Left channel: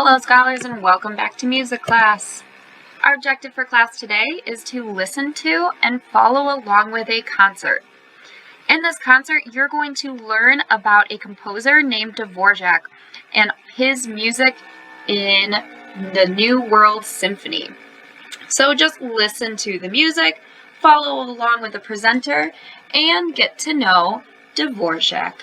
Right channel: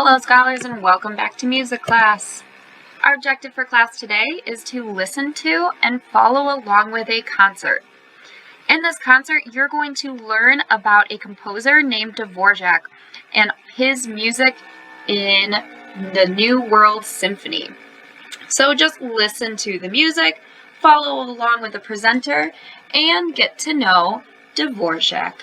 Hello scholars and welcome back to music class. Our objective for class today is to listen to and follow along with a concert. In this concert, you're going to learn about a composer named Dvorak and his music in the New World Symphony. So just listen to the music, follow along with the presenter, and get to know Dvorak.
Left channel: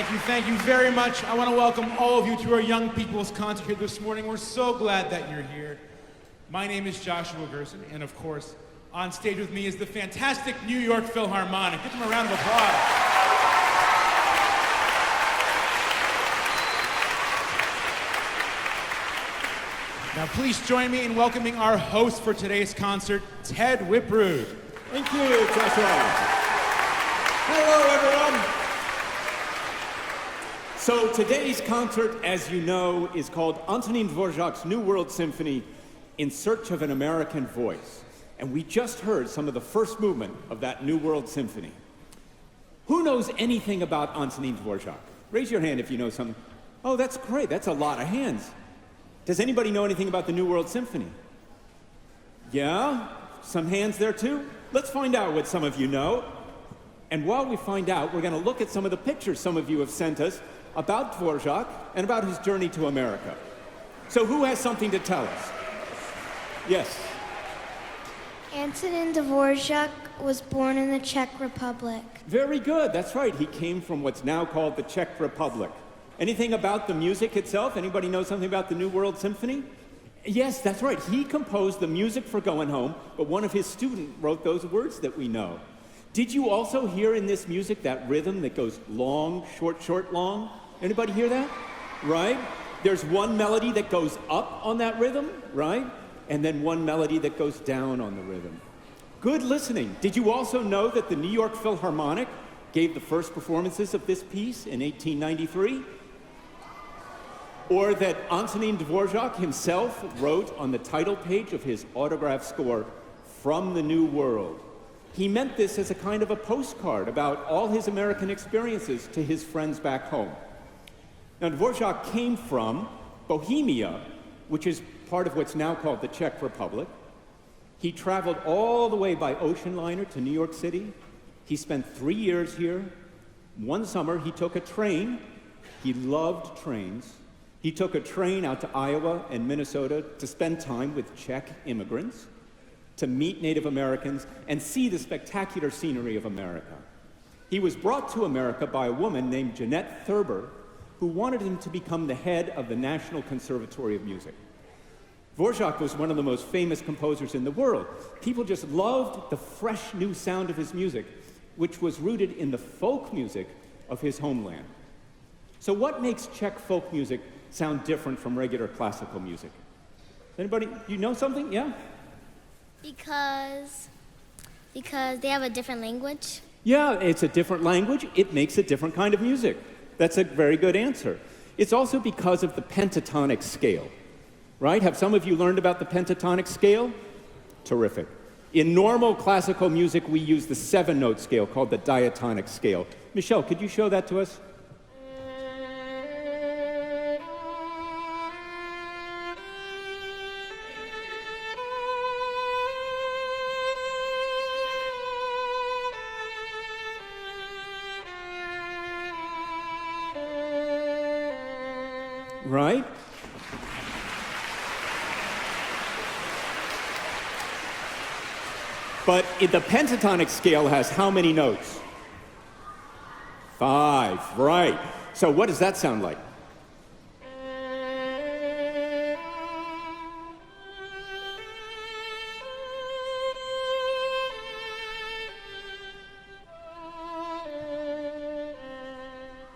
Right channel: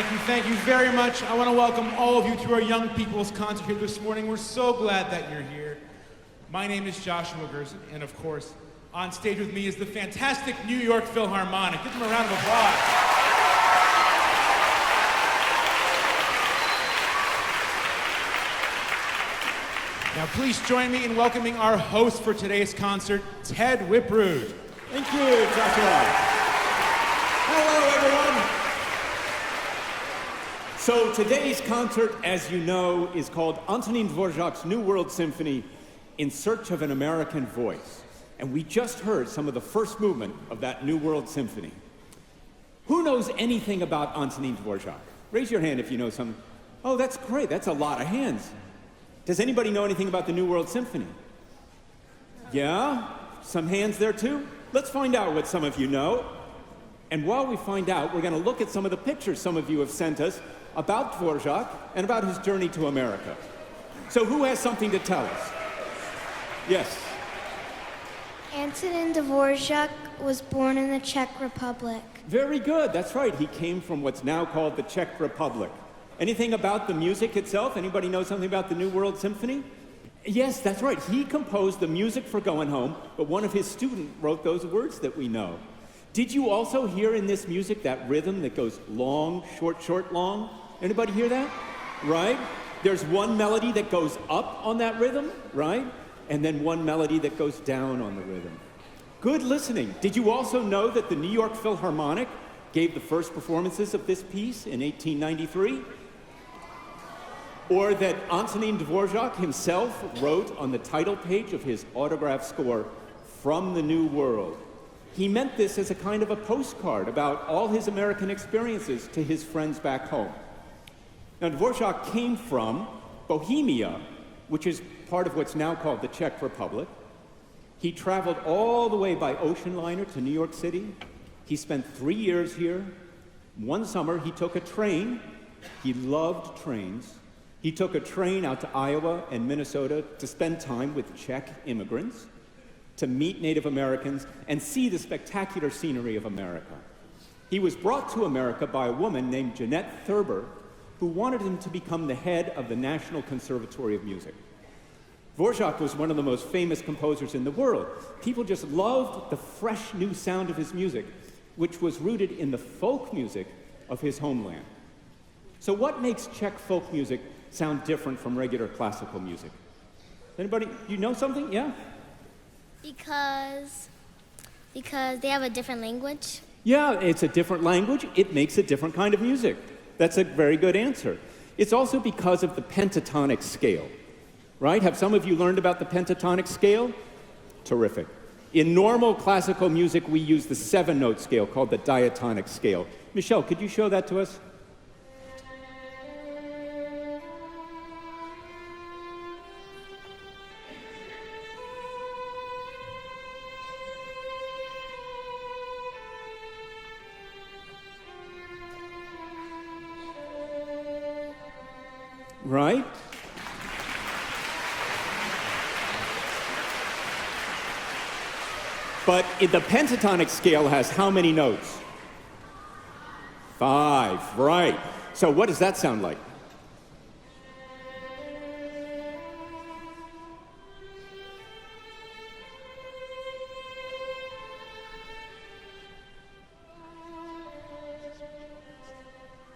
Thank you very much. I want to welcome all of you to our Young People's Concert here this morning. We're so glad that you're here. My name is Joshua Gerson, and of course, on stage with me is the fantastic New York Philharmonic. Give them a round of applause. Now, please join me in welcoming our host for today's concert, Ted Whiprud. Thank you, Joshua. Hello, everyone. So today's concert, as you know, is called Antonin Dvorak's New World Symphony, In Search of an American Voice. And we just heard some of the first movement of that New World Symphony. Who knows anything about Antonin Dvorak? Raise your hand if you know something. Oh, that's great. That's a lot of hands. Does anybody know anything about the New World Symphony? Yeah? Some hands there too? Let's find out what some of you know. And while we find out, we're going to look at some of the pictures some of you have sent us about Dvorak and about his journey to America. So who has something to tell us? Yes. Antonin Dvorak was born in the Czech Republic. Very good. That's right. He came from what's now called the Czech Republic. Anything about the music itself? Anybody know something about the New World Symphony? Yes, that's right. He composed the music for Going Home, but one of his students wrote those words that we know. Did you also hear in this music that rhythm that goes long, short, short, long? Anybody hear that? Right? There's one melody that goes up on that rhythm, right? And then one melody that goes down on the rhythm. Good listening. Did you also know that the New York Philharmonic gave the first performances of this piece in 1893? Or that Antonin Dvorak himself wrote on the title page of his autograph score, From the New World. He meant this as a kind of a postcard about all his American experiences to his friends back home. Now, Dvorak came from Bohemia, which is part of what's now called the Czech Republic. He traveled all the way by ocean liner to New York City. He spent 3 years here. One summer, he took a train. He loved trains. He took a train out to Iowa and Minnesota to spend time with Czech immigrants, to meet Native Americans, and see the spectacular scenery of America. He was brought to America by a woman named Jeanette Thurber, who wanted him to become the head of the National Conservatory of Music. Dvorak was one of the most famous composers in the world. People just loved the fresh new sound of his music, which was rooted in the folk music of his homeland. So what makes Czech folk music sound different from regular classical music? Anybody, you know something? Yeah? Because they have a different language. Yeah, it's a different language. It makes a different kind of music. That's a very good answer. It's also because of the pentatonic scale, right? Have some of you learned about the pentatonic scale? Terrific. In normal classical music, we use the 7-note scale called the diatonic scale. Michelle, could you show that to us? Right? But the pentatonic scale has how many notes? 5, right. So what does that sound like?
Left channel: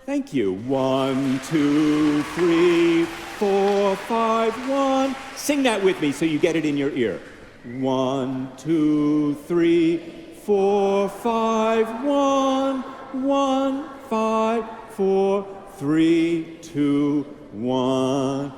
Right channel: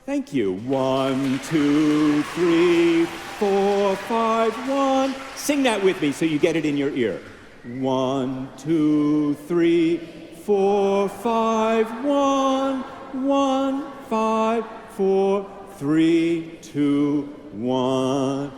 Thank you. 1, 2, 3, 4, 5, 1. Sing that with me so you get it in your ear. 1, 2, 3, 4, 5, 1. 1, 5, 4, 3, 2, 1.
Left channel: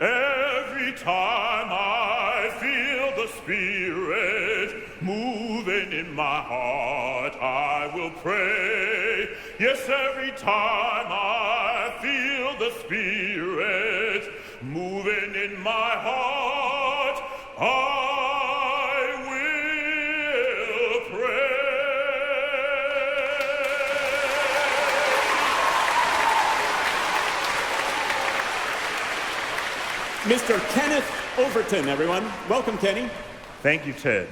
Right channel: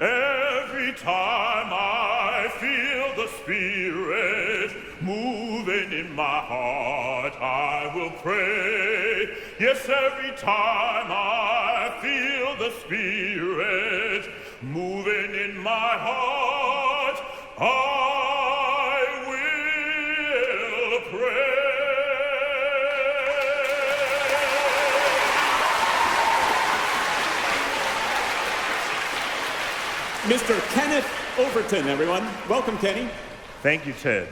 Every time I feel the Spirit moving in my heart, I will pray. Yes, every time I feel the Spirit moving in my heart, I will pray. Mr. Kenneth Overton, everyone. Welcome, Kenny. Thank you, Ted.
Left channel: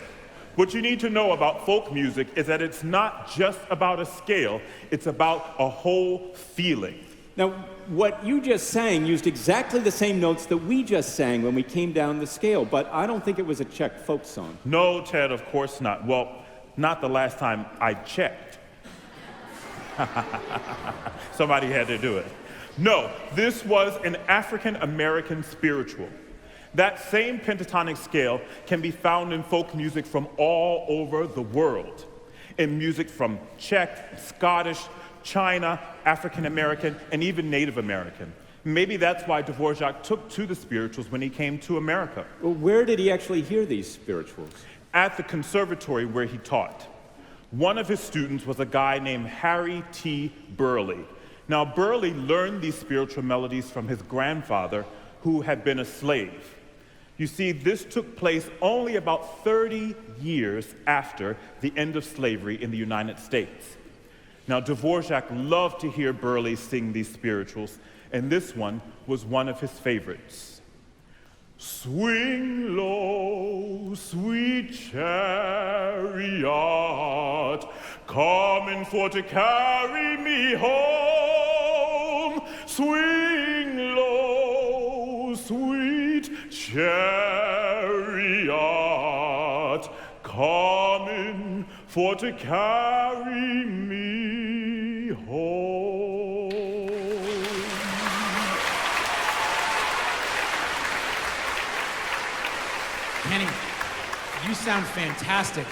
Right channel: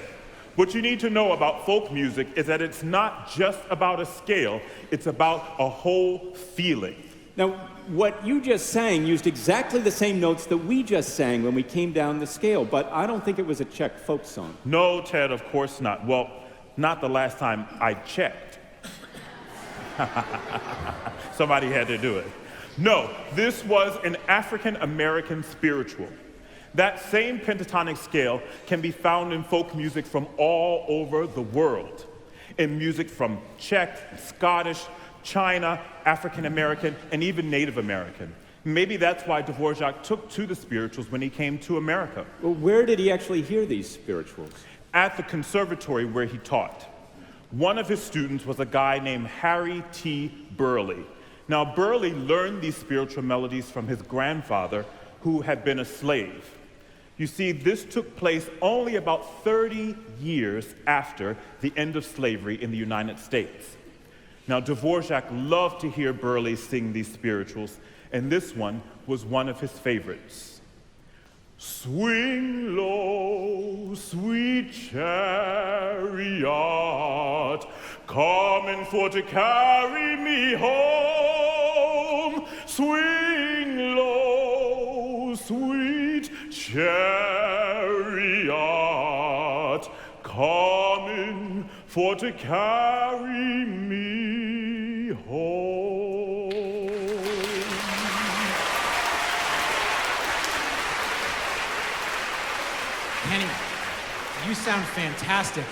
What you need to know about folk music is that it's not just about a scale, it's about a whole feeling. Now, what you just sang used exactly the same notes that we just sang when we came down the scale, but I don't think it was a Czech folk song. No, Ted, of course not. Well, not the last time I checked. Somebody had to do it. No, this was an African American spiritual. That same pentatonic scale can be found in folk music from all over the world. In music from Czech, Scottish, China, African American, and even Native American. Maybe that's why Dvorak took to the spirituals when he came to America. Well, where did he actually hear these spirituals? At the conservatory where he taught. One of his students was a guy named Harry T. Burleigh. Now, Burleigh learned these spiritual melodies from his grandfather, who had been a slave. You see, this took place only about 30 years after the end of slavery in the United States. Now, Dvorak loved to hear Burleigh sing these spirituals, and this one was one of his favorites. Swing low, sweet chariot, coming for to carry me home. Swing low, sweet chariot, coming for to carry me home. Kenny, you sound fantastic.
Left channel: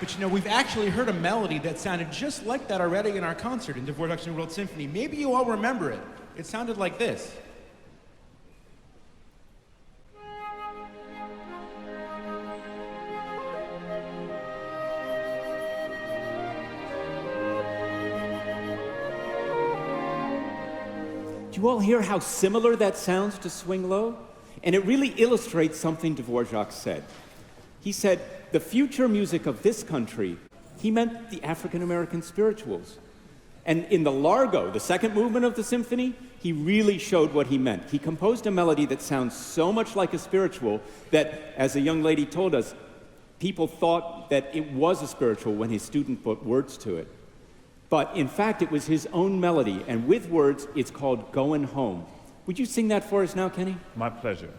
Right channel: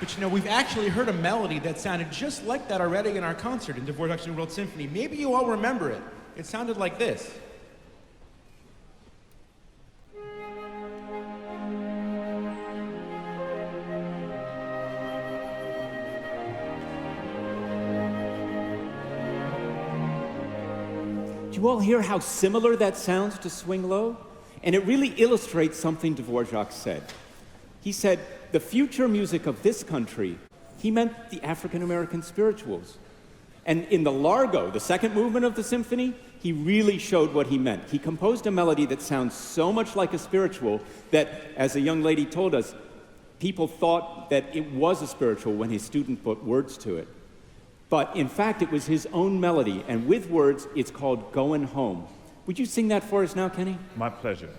But you know, we've actually heard a melody that sounded just like that already in our concert in Dvorak's New World Symphony. Maybe you all remember it. It sounded like this. Do you all hear how similar that sounds to Swing Low? And it really illustrates something Dvorak said. He said, the future music of this country, he meant the African American spirituals. And in the Largo, the second movement of the symphony, he really showed what he meant. He composed a melody that sounds so much like a spiritual that, as a young lady told us, people thought that it was a spiritual when his student put words to it. But in fact, it was his own melody, and with words, it's called Goin' Home. Would you sing that for us now, Kenny? My pleasure.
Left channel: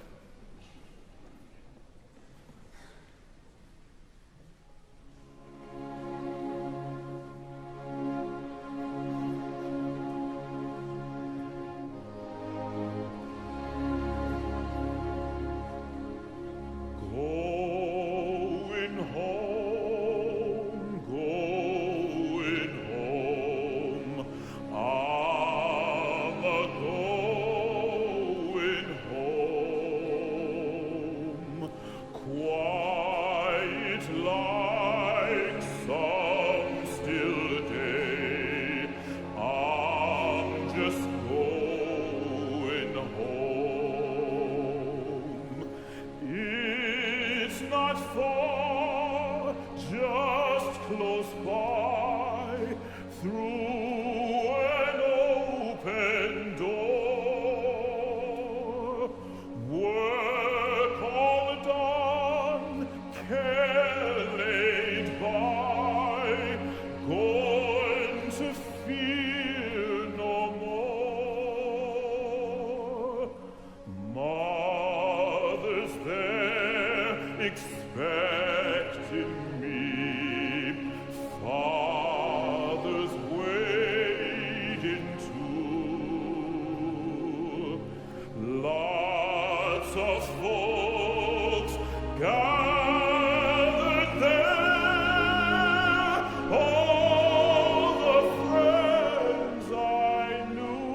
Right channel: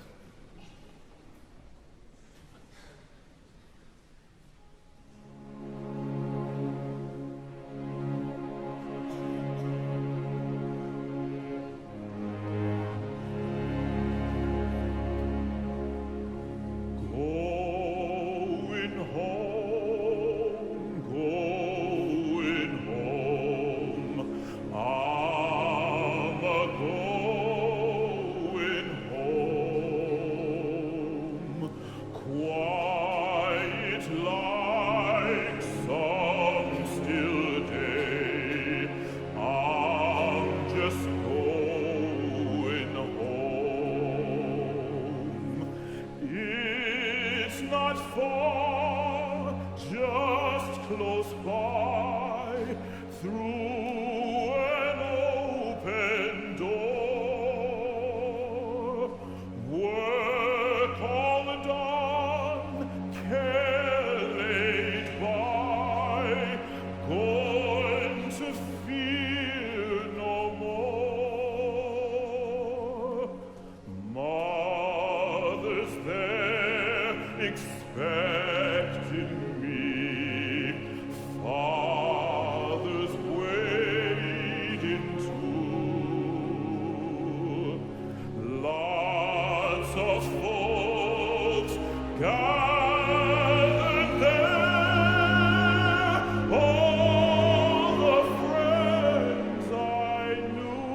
Going home, going home, I'm a-going home, quiet like some still day, I'm just going home. It's not far, just close by, through an open door. Work all done, care laid by, going to fear no more. Mother's there expecting me, father's waiting too. Lots of folks gathered there, all the friends I knew.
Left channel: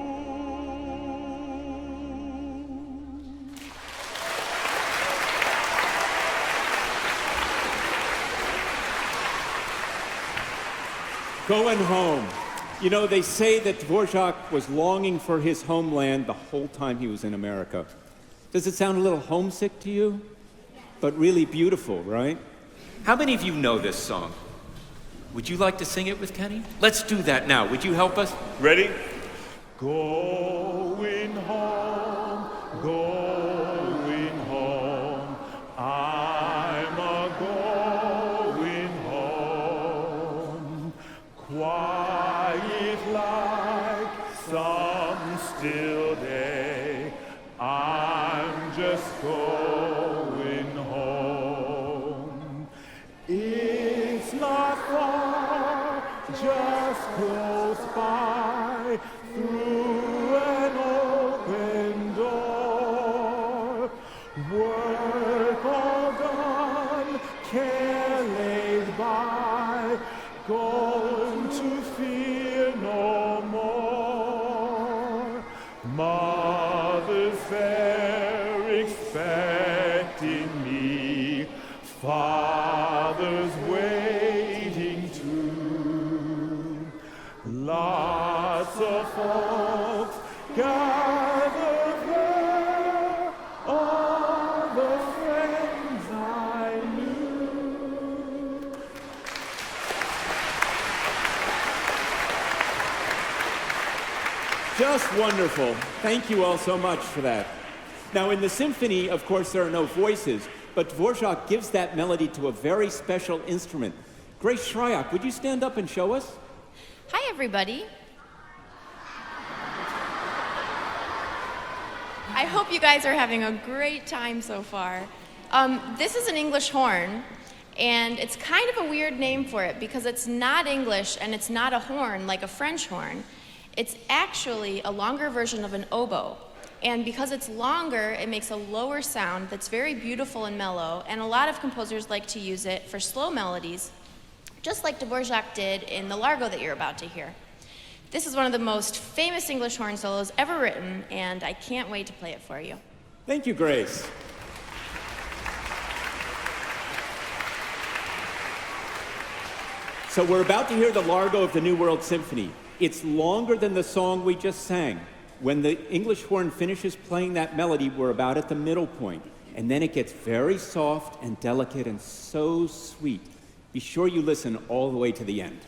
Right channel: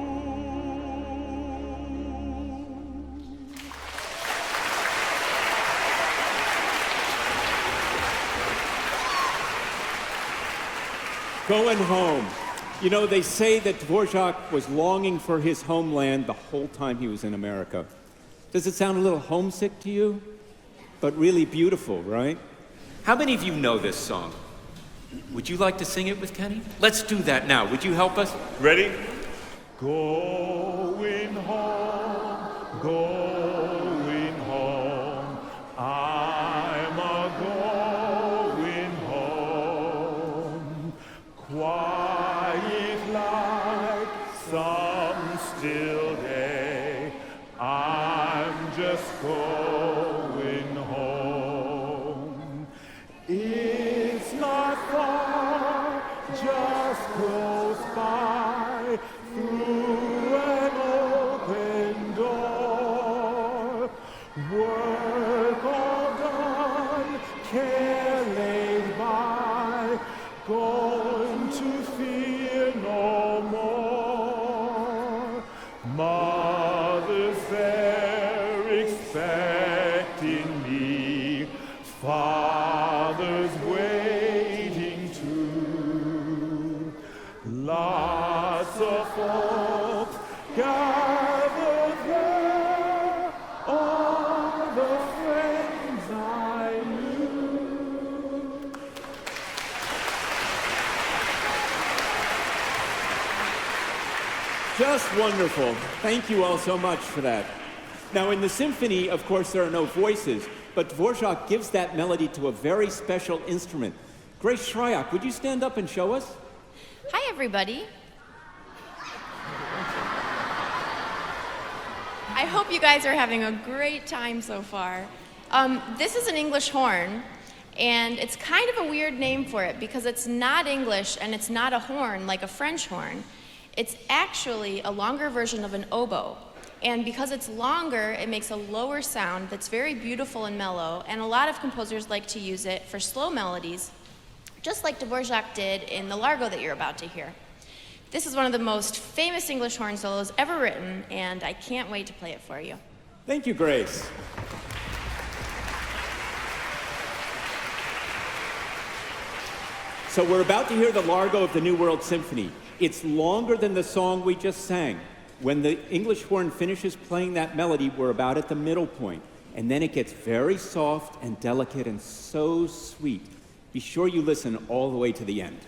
Going home. You know, they say that Dvorak was longing for his homeland the whole time he was in America. Does it sound a little homesick to you? But really beautiful, right? How many of you know this song? Would you like to sing it with Kenny? Let's do that now. Would you help us? Ready? Going home, going home, I'm a-going home, quiet like some I'm just going home. It's not far, just close by, through an open door. Work all done, care laid by, going to fear no more. Mother's there expecting me, Father's waiting too. Lots of folks gathered there, all the friends I knew. Just wonderful. Thank you all so much for that. Now, in the symphony, of course, there are no voices, but Dvorak gives that melody to a very special instrument. Grace Shryock, would you stand up and show us? Hi, everybody. I hope you guys are having a great time so far. This is an English horn, and it's kind of a weird name for it because it's not English and it's not a horn like a French horn. It's actually a longer version of an oboe. And because it's longer, it makes a lower sound that's very beautiful and mellow, and a lot of composers like to use it for slow melodies, just like Dvorak did in the Largo that you're about to hear. This is one of the most famous English horn solos ever written, and I can't wait to play it for you. Thank you, Grace. So we're about to hear the Largo of the New World Symphony. It's longer than the song we just sang. When the English horn finishes playing that melody, we're about at the middle point, and then it gets very soft and delicate and so sweet. Be sure you listen all the way to the end.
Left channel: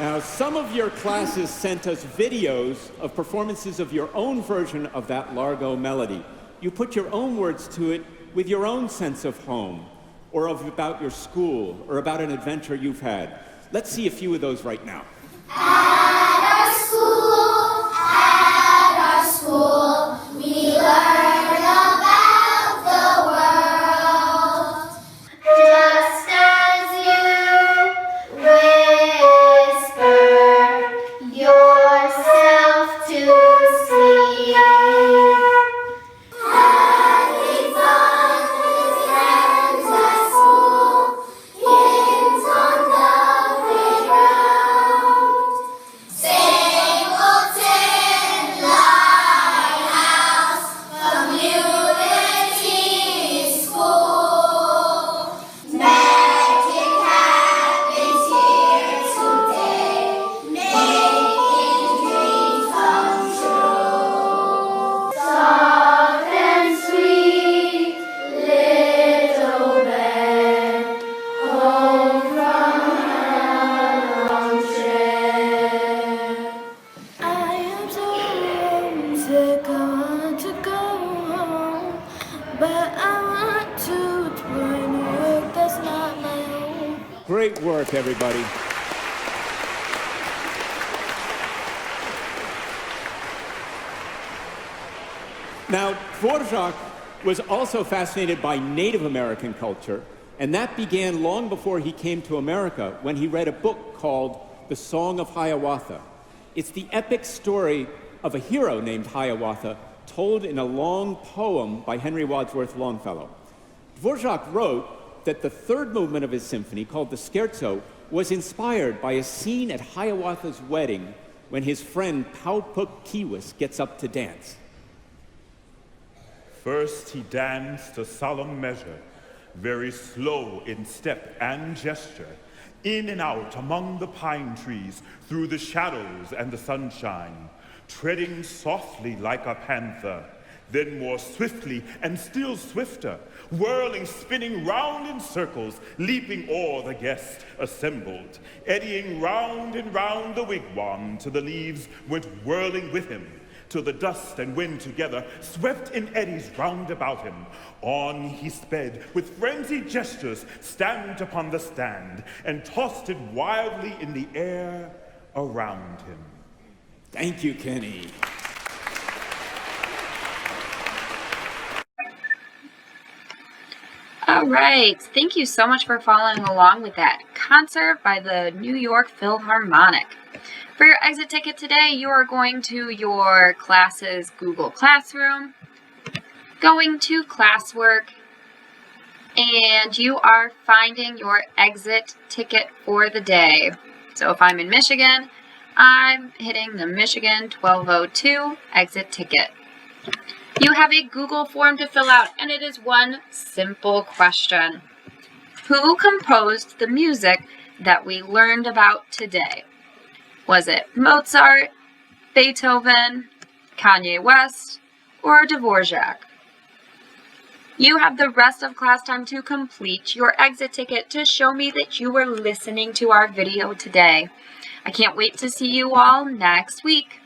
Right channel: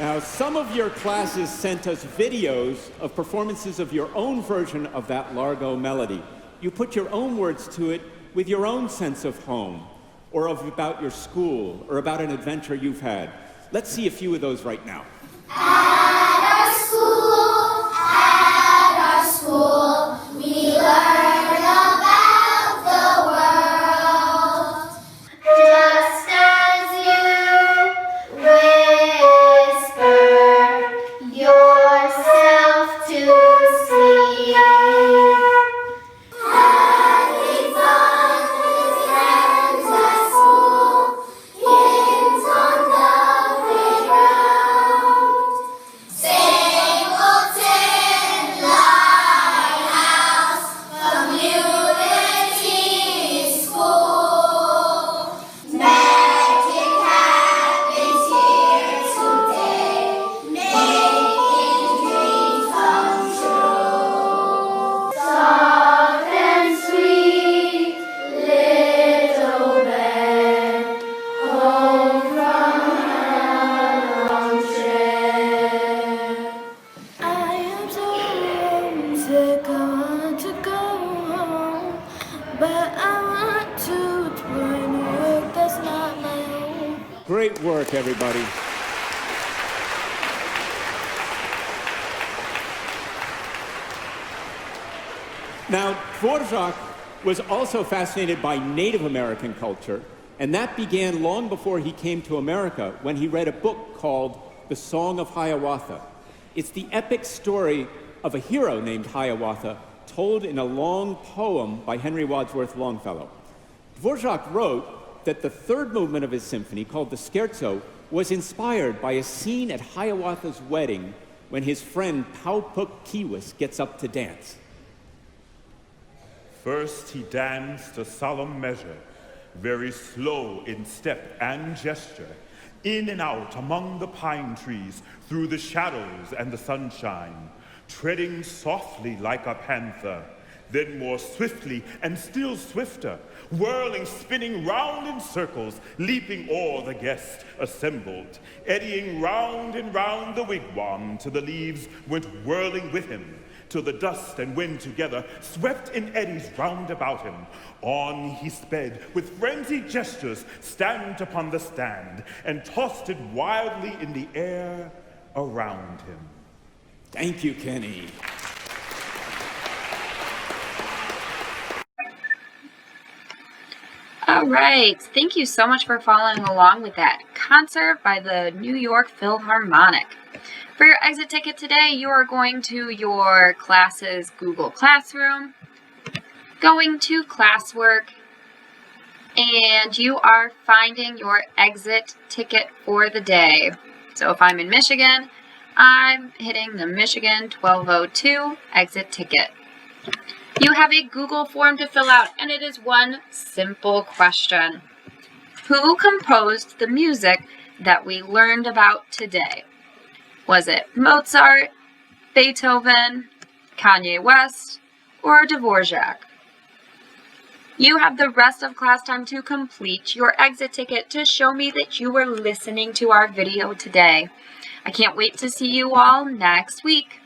Now, some of your classes sent us videos of performances of your own version of that Largo melody. You put your own words to it with your own sense of home, or about your school, or about an adventure you've had. Let's see a few of those right now. At our school, we learn about the world. Just as you whisper yourself to sleep. Having fun with friends at school, kids on the playground. Stapleton Lighthouse Community School. Magic happens here today, making dreams come true. Soft and sweet, little bed, home from a long trip. I am so homesick, I want to go home, but I want to explore New York, that's not my home. Great work, everybody. Now, Dvorak was also fascinated by Native American culture, and that began long before he came to America when he read a book called The Song of Hiawatha. It's the epic story of a hero named Hiawatha told in a long poem by Henry Wadsworth Longfellow. Dvorak wrote that the third movement of his symphony, called the Scherzo, was inspired by a scene at Hiawatha's wedding when his friend Paupuk Kiwis gets up to dance. First he danced a solemn measure, very slow in step and gesture, in and out among the pine trees, through the shadows and the sunshine, treading softly like a panther, then more swiftly and still swifter, whirling, spinning round in circles, leaping o'er the guests assembled, eddying round and round the wigwam till the leaves went whirling with him, till the dust and wind together swept in eddies round about him. On he sped, with frenzied gestures, stamped upon the stand, and tossed it wildly in the air around him. Thank you, Kenny. All right, thank you so much for following along with that concert by the New York Philharmonic. For your exit ticket today, you are going to your class's Google Classroom, going to classwork, and you are finding your exit ticket for the day. So if I'm in Michigan, I'm hitting the Michigan 1202 exit ticket. You have a Google form to fill out, and it is one simple question. Who composed the music that we learned about today? Was it Mozart, Beethoven, Kanye West, or Dvorak? You have the rest of class time to complete your exit ticket to show me that you were listening to our video today. I can't wait to see you all next week.